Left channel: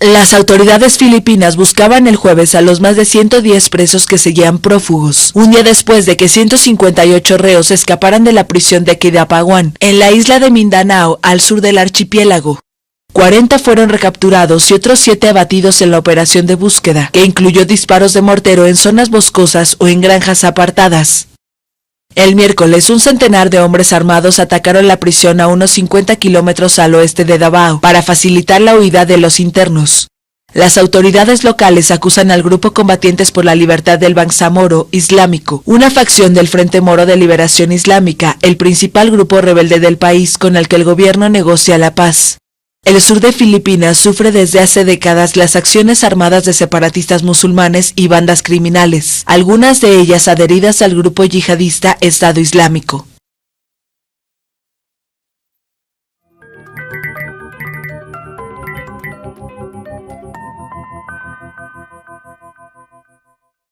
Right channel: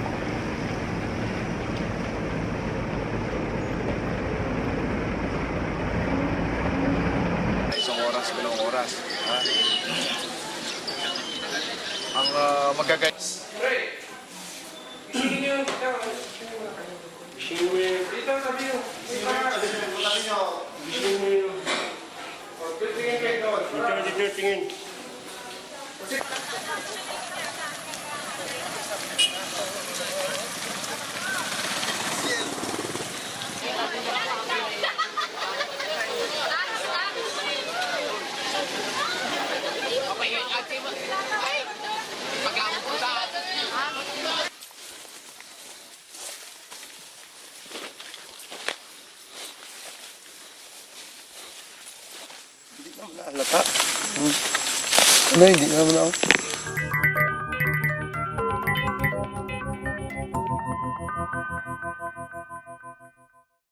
Las autoridades filipinas buscaban el jueves a los más de 110 presos que seguían prófugos, un día después de que 158 reos escaparan de la prisión de Kidapawan, en la isla de Mindanao, al sur del archipiélago. 40 fueron recapturados y otros 7 abatidos en la operación de búsqueda, que incluyó disparos de mortero en zonas boscosas o en granjas apartadas. El miércoles, un centenar de hombres armados atacaron la prisión a unos 50 kilómetros al oeste de Davao para facilitar la huida de los internos. Las autoridades locales acusan al grupo Combatientes por la Libertad del Bangsamoro Islámico, una facción del Frente Moro de Liberación Islámica, el principal grupo rebelde del país con el que el gobierno negocia la paz. El sur de Filipinas sufre desde hace décadas las acciones armadas de separatistas musulmanes y bandas criminales, algunas de ellas adheridas al grupo yihadista Estado Islámico.